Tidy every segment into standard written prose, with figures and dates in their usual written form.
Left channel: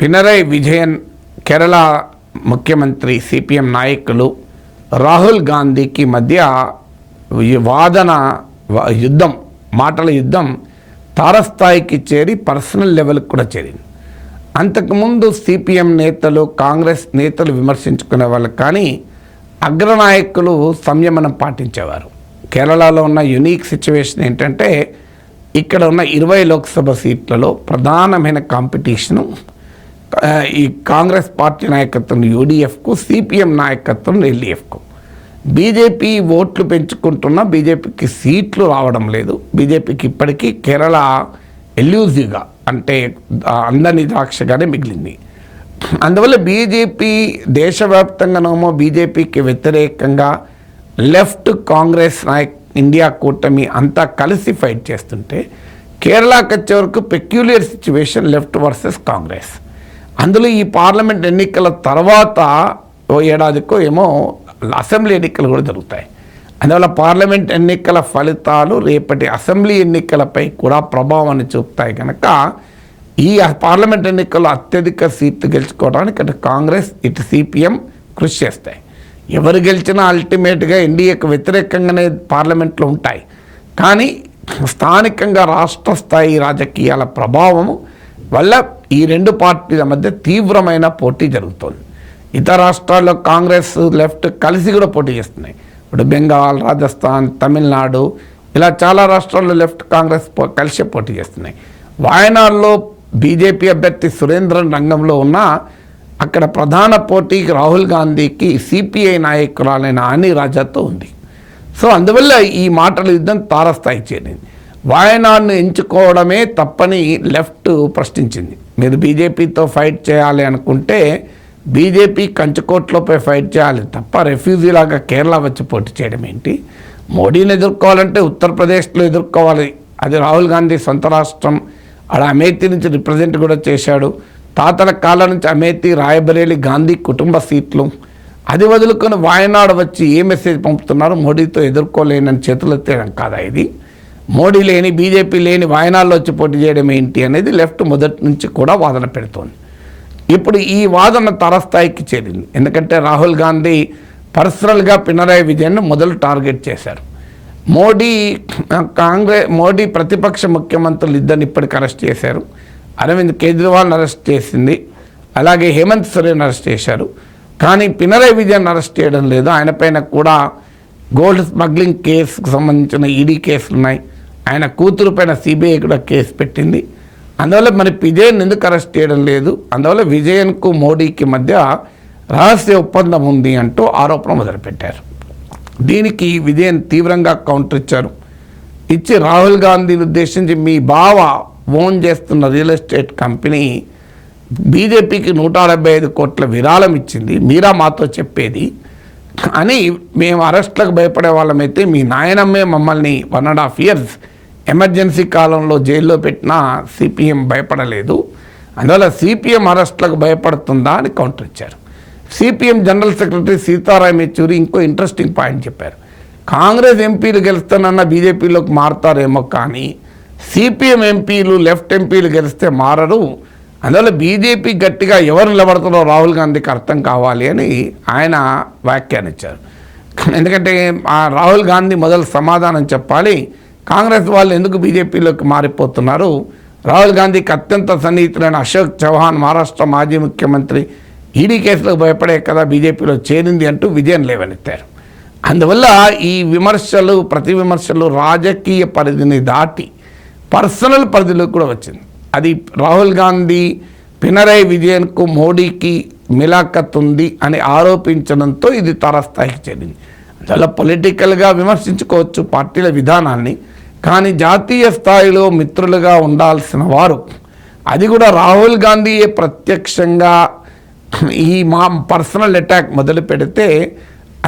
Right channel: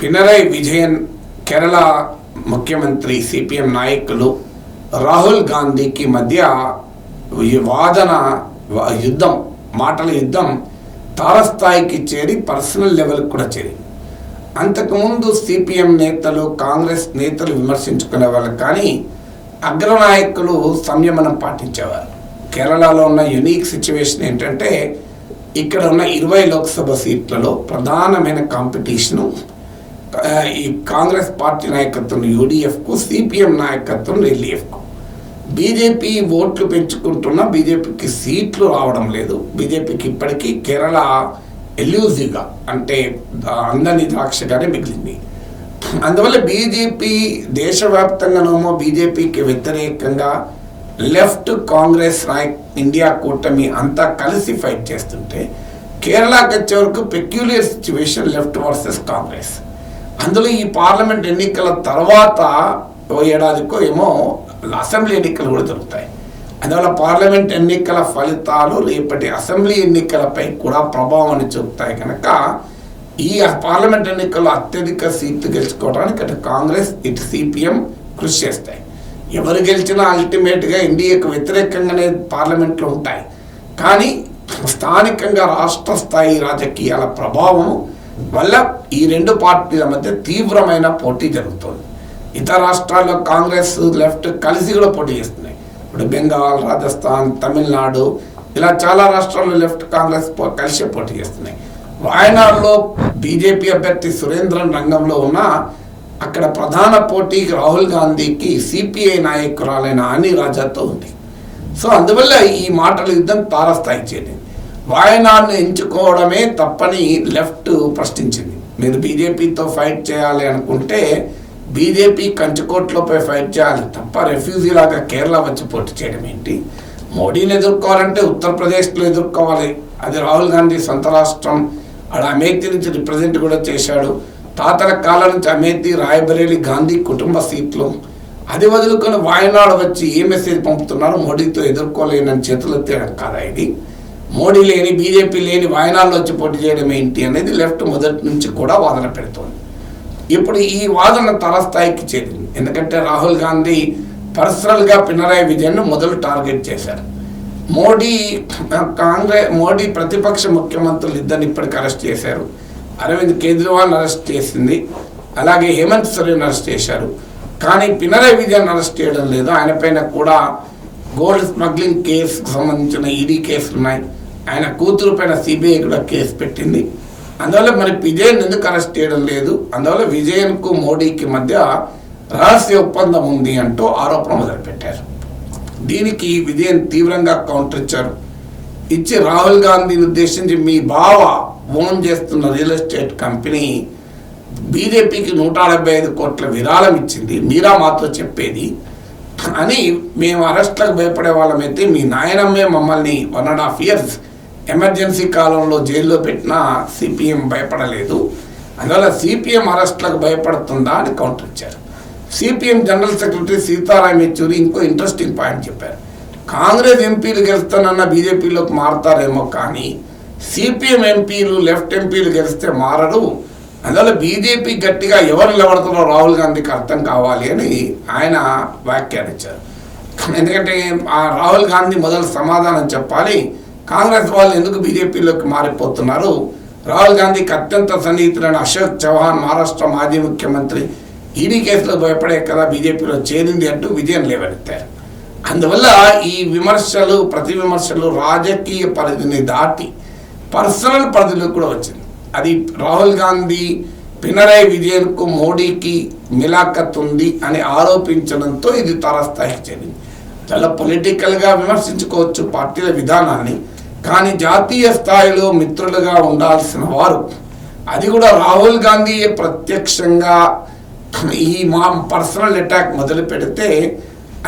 పినరై విజయన్ కేరళ ముఖ్యమంత్రి సిపిఎం నాయకులు రాహుల్ గాంధీకి మధ్య వాదన యుద్ధం మాటల యుద్ధం తారస్థాయికి చేరి పర్సనల్ లెవెల్కి కూడా చేరింది. అంతకుముందు సిపిఎం నేతలు కాంగ్రెస్ నేతలు విమర్శించుకునే వాళ్ళు, కానీ అగ్రనాయకులు సంయమనం పాటించేవారు. కేరళలో ఉన్న యునీక్ సిచ్యువేషన్ ఏంటంటే ఇక్కడ ఉన్న 20 లోక్సభ సీట్లలో ప్రధానమైన కాంపిటీషను ఈ కాంగ్రెస్ పార్టీ నాయకత్వం యూడిఎఫ్కు, సిపిఎం నాయకత్వం ఎల్డిఎఫ్కు. బీజేపీ ఓట్లు పెంచుకుంటున్నా బీజేపీకి సీట్లు రావడం లేదు. బీజేపీకి ఇప్పటికీ కేరళ ఎల్యూజివ్గా అంటే అందని ద్రాక్షగానే మిగిలింది. అందువల్ల బీజేపీ దేశవ్యాప్తంగానేమో బీజేపీకి వ్యతిరేకంగా లెఫ్ట్ కాంగ్రెస్ ఇండియా కూటమి అంతా కలిసి ఫైట్ చేస్తుంటే, కేరళకి వచ్చే వరకు peculiar situation left versus Congress. అందులో ఈ పార్లమెంట్ ఎన్నికల తర్వాత ఓ ఏడాదికో ఏమో అసెంబ్లీ ఎన్నికలు కూడా జరుగుతాయి. అందువల్ల పార్లమెంట్ ఎన్నికల ఫలితాలు రేపటి అసెంబ్లీ ఎన్నికలపై కూడా ప్రభావాన్ని చూపుతాయి. కనుక ఈ పార్లమెంట్ ఎన్నికల్లో అత్యధిక సీట్లు గెలుచుకోవడానికి అటు కాంగ్రెస్ ఇటు సిపిఎం కృషి చేస్తాయి. ఎవరు గెలిచినా అల్టిమేట్గా ఎన్డీఏకు వ్యతిరేకంగానే పార్లమెంట్లో ఉంటాయి. కానీ స్థానికంగా రాష్ట్ర స్థాయి రాజకీయాల ప్రభావం వల్ల ఈ రెండు పార్టీల మధ్య తీవ్రమైన పోటీ జరుగుతుంది. ఇతర రాష్ట్రాల్లో కాంగ్రెస్ లెఫ్ట్ కలిసి కూడా పోటీ చేస్తున్నాయి. ఇప్పుడు బెంగాల్, రాజస్థాన్, తమిళనాడు ఇలా చాలా రాష్ట్రాల్లో లెఫ్ట్ కాంగ్రెస్ కలిసి పోటీ చేస్తున్నాయి. వాయనాడులో బీజేపీ అభ్యర్థి సురేంద్రన్ రంగంలో ఉన్న అక్కడ ప్రధాన పోటీకి రాహుల్ గాంధీకి సిపిఐ నాయకురాలైన ఆని రాజాతో ఉంది. సో అందువల్ల ఈ మాటల యుద్ధం తారస్థాయికి చేరింది. వాయనాడును ఎంచుకోవడమే తప్పని లెఫ్ట్ ప్రశ్నించింది. మీరు బీజేపీతో ఫైట్ చేయాలి అనుకుంటే బీజేపీ కంచుకోట్లపై ఫైట్ చేయాలి తప్ప రెఫ్యూజీ లాగా కేరళ వచ్చి పోటీ చేయడం ఏంటి? మోడీని ఎదుర్కోవాలంటే ఉత్తరప్రదేశ్లో ఎదుర్కోవాలి. అది రాహుల్ గాంధీ సొంత రాష్ట్రం. ఆడ అమేథీ నుంచి రిప్రజెంట్ కూడా చేశాడు. తాతల కాలం నుంచి అమేథీ, రాయబరేలి గాంధీ కుటుంబ సీట్లు. అది వదులుకొని వాయనాడు వచ్చి ఏ మెసేజ్ పంపుతున్నారు? మోడీతో ఎదుర్కోలేనని చేతులు ఎత్తేయడం కాదా ఇది? మోడీ లేని బీజేపీ లేని వాయనాడులో వచ్చి పోటీ చేయడం ఏంటి అనేది లెఫ్ట్ మొదటి నుంచి కూడా వాదన పెడుతోంది. ఇప్పుడు ఈ వాదన తారస్థాయికి చేరింది. ఎందుకంటే రాహుల్ గాంధీ పర్సనల్గా పినరై విజయన్ను మొదలు టార్గెట్ చేశారు. మోడీ ప్రతిపక్ష ముఖ్యమంత్రులు ఇద్దరిని ఇప్పటికి అరెస్ట్ చేశారు. అరవింద్ కేజ్రీవాల్ని అరెస్ట్ చేసింది, అలాగే హేమంత్ సోరెన్ అరెస్ట్ చేశారు. కానీ పినరై విజయన్ అరెస్ట్ చేయడం లేదు. ఆయన పైన కూడా గోల్డ్ స్మగ్లింగ్ కేసుకు సంబంధించిన ఈడీ కేసులు ఉన్నాయి. ఆయన కూతురు పైన సిబిఐ కూడా కేసు పెట్టింది. అందువల్ల మరి విజయన్ ఎందుకు అరెస్ట్ చేయడం లేదు? అందువల్ల విజయన్కు మోడీకి మధ్య రహస్య ఒప్పందం ఉంది అంటూ ఆరోపణ మొదలుపెట్టారు. దీనికి విజయన్ తీవ్రంగా కౌంటర్ ఇచ్చి రాహుల్ గాంధీని ఉద్దేశించి మీ బావ ఓన్ చేస్తున్న రియల్ ఎస్టేట్ కంపెనీ బీజేపీకి 175 కోట్ల విరాళం ఇచ్చింది, మీరా మాతో చెప్పేది అని. మేము అరెస్ట్లకు భయపడే వాళ్ళమైతే మీ నాయనమ్మే మమ్మల్ని 1.5 years ఎమర్జెన్సీ కాలంలో జైల్లో పెట్టినా సిపిఎం భయపడలేదు. అందువల్ల సిపిఎం అరెస్ట్లకు భయపడుతుందా అని కౌంటర్ ఇచ్చారు. CPM general secretary Sitaram Yechury ఇంకో ఇంట్రెస్టింగ్ పాయింట్ చెప్పారు. కాంగ్రెస్ ఎంపీలు గెలుస్తానన్న బీజేపీలోకి మారతారేమో, కానీ సిపిఎం ఎంపీలు లెఫ్ట్ ఎంపీలు గెలిస్తే మారరు. అందువల్ల బీజేపీ గట్టిగా ఎవరు నిలబడుతున్నారో రాహుల్ గాంధీకి అర్థం కావాలి అని ఆయన వ్యాఖ్యానించారు. ఎందుకంటే రాహుల్ గాంధీ మొదలు సమాధానం చెప్పాలి. కాంగ్రెస్ వాళ్ళు ఎందుకు బీజేపీలోకి మారిపోతున్నారు? రాహుల్ గాంధీకి అత్యంత సన్నిహితులైన అశోక్ చౌహాన్ మహారాష్ట్ర మాజీ ముఖ్యమంత్రి ఈడీ కేసులకు భయపడే కదా బీజేపీలో చేరింది అంటూ విజయం లేవనెత్తారు. అందువల్ల ఈ విమర్శలు ప్రతి విమర్శలు రాజకీయ పరిధిని దాటి పర్సనల్ పరిధిలో కూడా వచ్చింది. అది రాహుల్ గాంధీ పినరై విజయన్కు మోడీకి మిలాఖత్ ఉంది అని ఆరోపించడంతో ఇది తారస్థాయికి చేరింది. చాలా పొలిటికల్గా విమర్శించుకోవచ్చు పార్టీల విధానాన్ని, కానీ జాతీయ స్థాయిలో మిత్రులుగా ఉండాల్సిన వారు, అది కూడా రాహుల్ గాంధీ ప్రత్యక్షంగా ఈ పర్సనల్ అటాక్ మొదలు పెడితే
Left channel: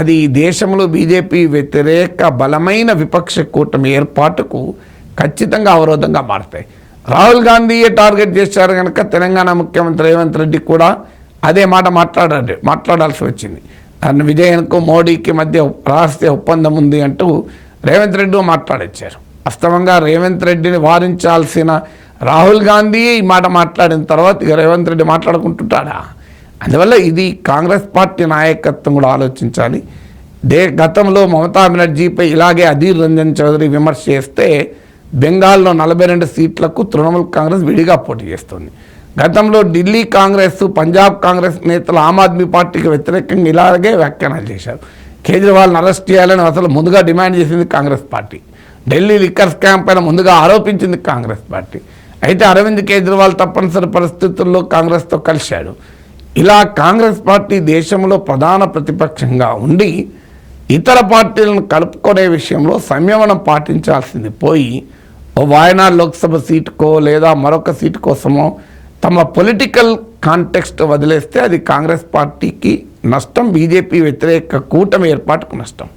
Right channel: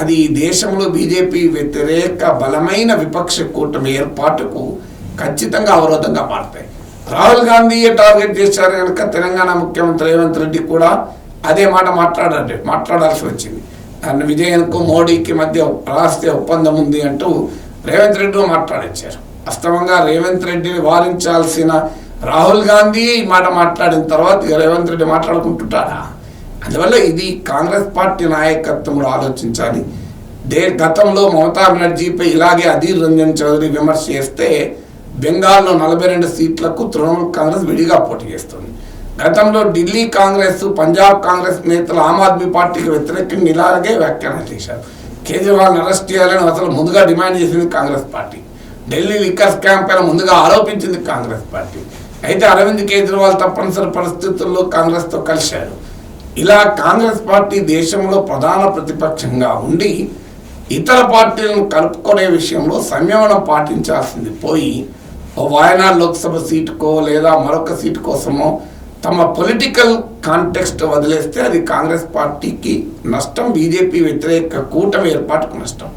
అది దేశంలో బీజేపీ వ్యతిరేక బలమైన విపక్ష కూటమి ఏర్పాటుకు ఖచ్చితంగా అవరోధంగా మారుతాయి. రాహుల్ గాంధీయే టార్గెట్ చేశారు కనుక తెలంగాణ ముఖ్యమంత్రి రేవంత్ రెడ్డి కూడా అదే మాట మాట్లాడాల్సి వచ్చింది. విజయన్కు మోడీకి మధ్య రహస్య ఒప్పందం ఉంది అంటూ రేవంత్ రెడ్డి మాట్లాడించారు. వాస్తవంగా రేవంత్ రెడ్డిని వారించాల్సిన రాహుల్ గాంధీ ఈ మాట మాట్లాడిన తర్వాత ఇక రేవంత్ రెడ్డి మాట్లాడుకుంటుంటాడా? అందువల్ల ఇది కాంగ్రెస్ పార్టీ నాయకత్వం కూడా ఆలోచించాలి. గతంలో మమతా బెనర్జీపై ఇలాగే అధీర్ రంజన్ చౌదరి విమర్శ చేస్తే బెంగాల్లో 42 సీట్లకు తృణమూల్ కాంగ్రెస్ విడిగా పోటీ చేస్తుంది. గతంలో ఢిల్లీ కాంగ్రెస్, పంజాబ్ కాంగ్రెస్ నేతలు ఆమ్ ఆద్మీ పార్టీకి వ్యతిరేకంగా ఇలాగే వ్యాఖ్యానాలు చేశారు. కేజ్రీవాల్ని అరెస్ట్ చేయాలని అసలు ముందుగా డిమాండ్ చేసింది Congress party. Delhi liquor scam పైన ముందుగా ఆరోపించింది కాంగ్రెస్ పార్టీ. అయితే అరవింద్ కేజ్రీవాల్ తప్పనిసరి పరిస్థితుల్లో కాంగ్రెస్తో కలిశాడు. ఇలా కాంగ్రెస్ పార్టీ దేశంలో ప్రధాన ప్రతిపక్షంగా ఉండి ఇతర పార్టీలను కలుపుకునే విషయంలో సంయమనం పాటించాల్సింది పోయి ఓ వాయనాడ్ లోక్సభ సీటుకో లేదా మరొక సీటు కోసమో తమ పొలిటికల్ కాంటెక్స్ట్ వదిలేస్తే అది కాంగ్రెస్ పార్టీకి నష్టం, బీజేపీ వ్యతిరేక కూటమి ఏర్పాటుకు నష్టం.